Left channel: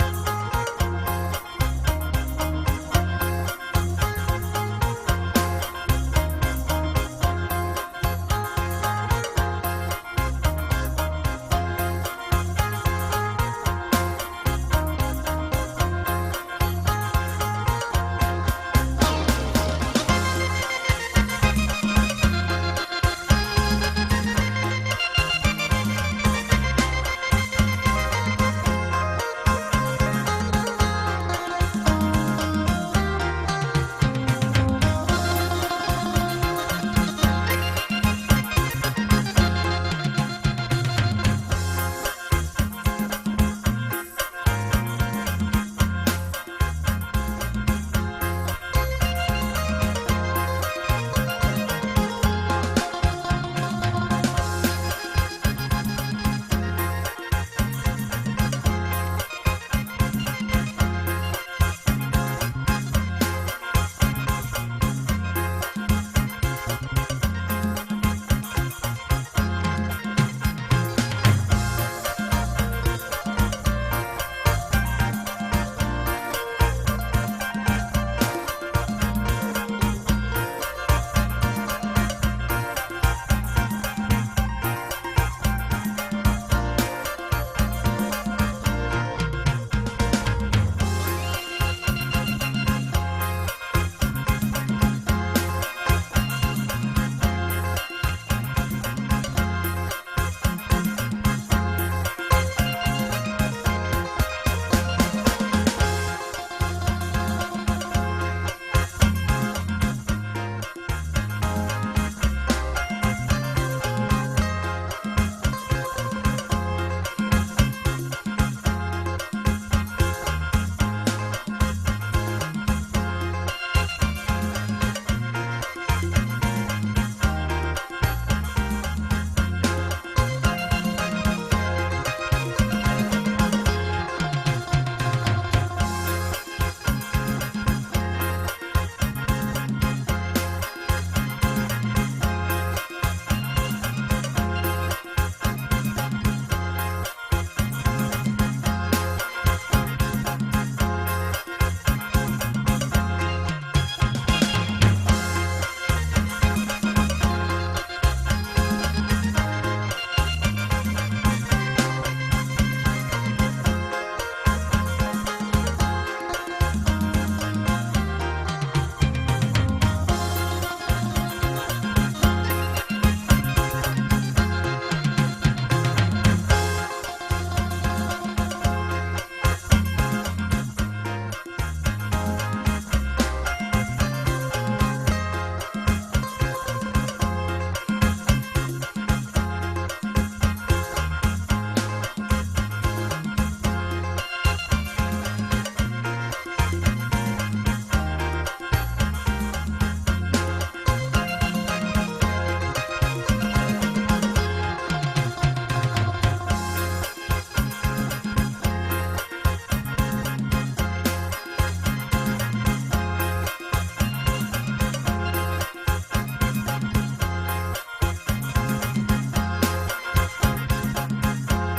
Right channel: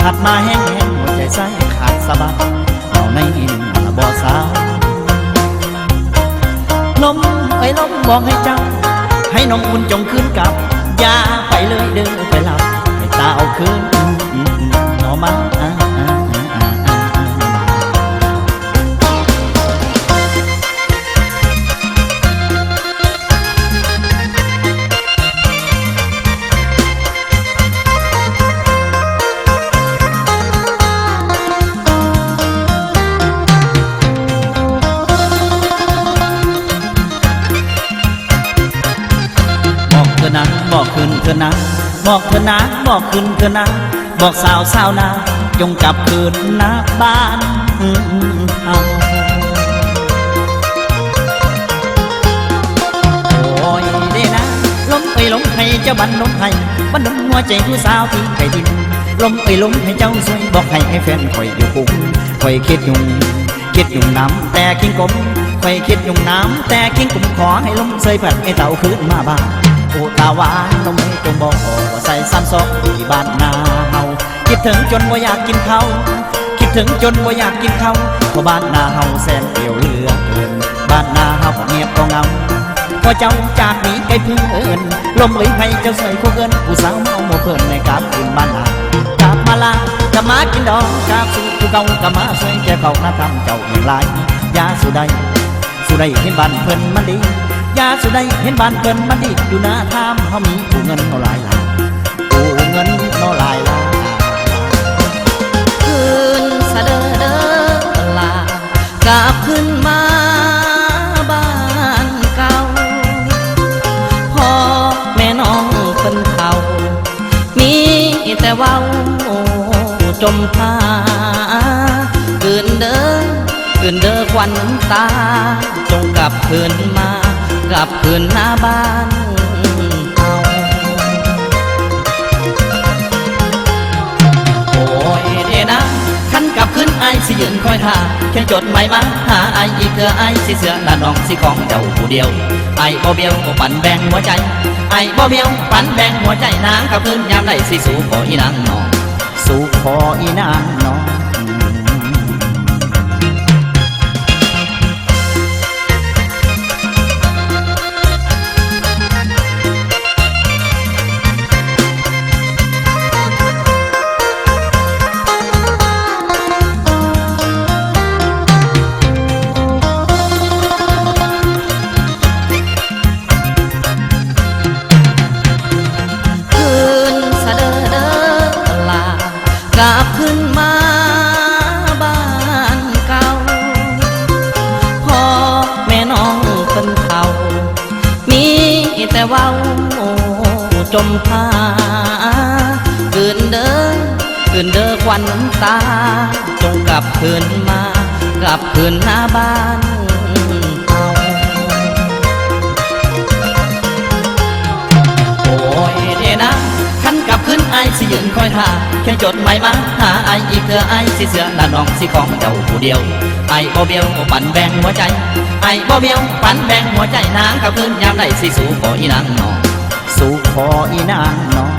ผัดมาแห้งหัวใจใส่ขาดสะบัดเอาในอินบ่สาลมเอ้ยลมบอกให้เจ้าให้น้องอุ่นจงคืนกลับอย่าไปเลยเดินไปหลับให้ตาเอาคืนหนอมาบอกขึ้นเถอะนะบอกเถอะนะบอกขึ้นเถอะนะบอกสาวสาวนาจงกลับคืนนะบ้านเอาโอ้ยเด้นะลมเอ้ยลมให้เจ้าบันลมให้บันดลหัวใจผู้สาวที่ไกลดินลมเอ้ยลมให้เจ้าสวยบอกให้แฟนคอยอยู่ปุ่มคอยคิดยุ่งน้ำแต่กิ้งกลมคอยคิดยุ่งน้ำแต่กิ้งกลมขอให้ลมเสยผัดให้เต่าคืนมาบ้านโอ้ตาหวานน้องไม่จงบอกว่าใส่ซ้ำซอกที่บ้านนาเฮาคิดถึงจนว่าอยากกินข้าวคิดถึงจนว่าอยากกินข้าวเพราะบ้านนาเฮาแสนเปลี่ยวเหลือเกินบ้านนาเฮาก็เงียบก็เงาพอเจ้าจากนี้ไกลเพื่อนลมเอ้ยให้เจ้าใส่คู่เกินผู้สาวเมาโมเพิ่นในกราบขึ้นบ้านนากราบมาลากราบมากินดองกราบสู่ผู้เก่ากราบมาใส่แก่เขาหน้าทำเจ้าอย่างไรยาสุดใดเห็นบ้านเพิ่นมันดียาสุดใดเห็นบ้านเพิ่นมันดีอยู่หน้าทามเขามีผู้เงินเอาหลายล้านผู้เงินเอาหลายล้านคืนสะเดอเดอลากลับขึ้นมาบ้านเก่าพ่อแม่น้องเพิ่นเฒ่ามีแต่เว้าจมพาคืนเด้อควันตาจงกลับคืนมากลับคืนหน้าบ้านเอาโอ้ยเดนะขันกลับคืนไอสิยืนคอยท่าเขียนจดหมายมาหาไออีกเถื่อไอสิเสือด้านน้องสิของเจ้าผู้เดียวไอบ่เบี้ยวปั่นแบ่งหัวใจไอบ่เบี้ยวปั่นแบ่งหัวใจนางกลับคืนยามใดสิสู่ขออีนางน้องสู่ขออีนางน้องกลับขึ้นมาบ้านเก่าพ่อแม่น้องเพิ่นเฒ่ามีแต่เว้าจมพาคืนเด้อควันตาจงกลับคืนมากลับคืนหน้าบ้านเอาโอ้ยเดนะขันกลับคืนไอสิยืนคอยท่าเขียนจดหมายมาหาไออีกเถื่อไอสิเสือด้านน้องสิของเจ้าผู้เดียวไอบ่เบี้ยวปั่นแบ่งหัวใจไอบ่เบี้ยวปั่นแบ่งหัวใจนางกลับคืนยามใดสิสู่ขออีนางน้องสู่ขออีนางน้อง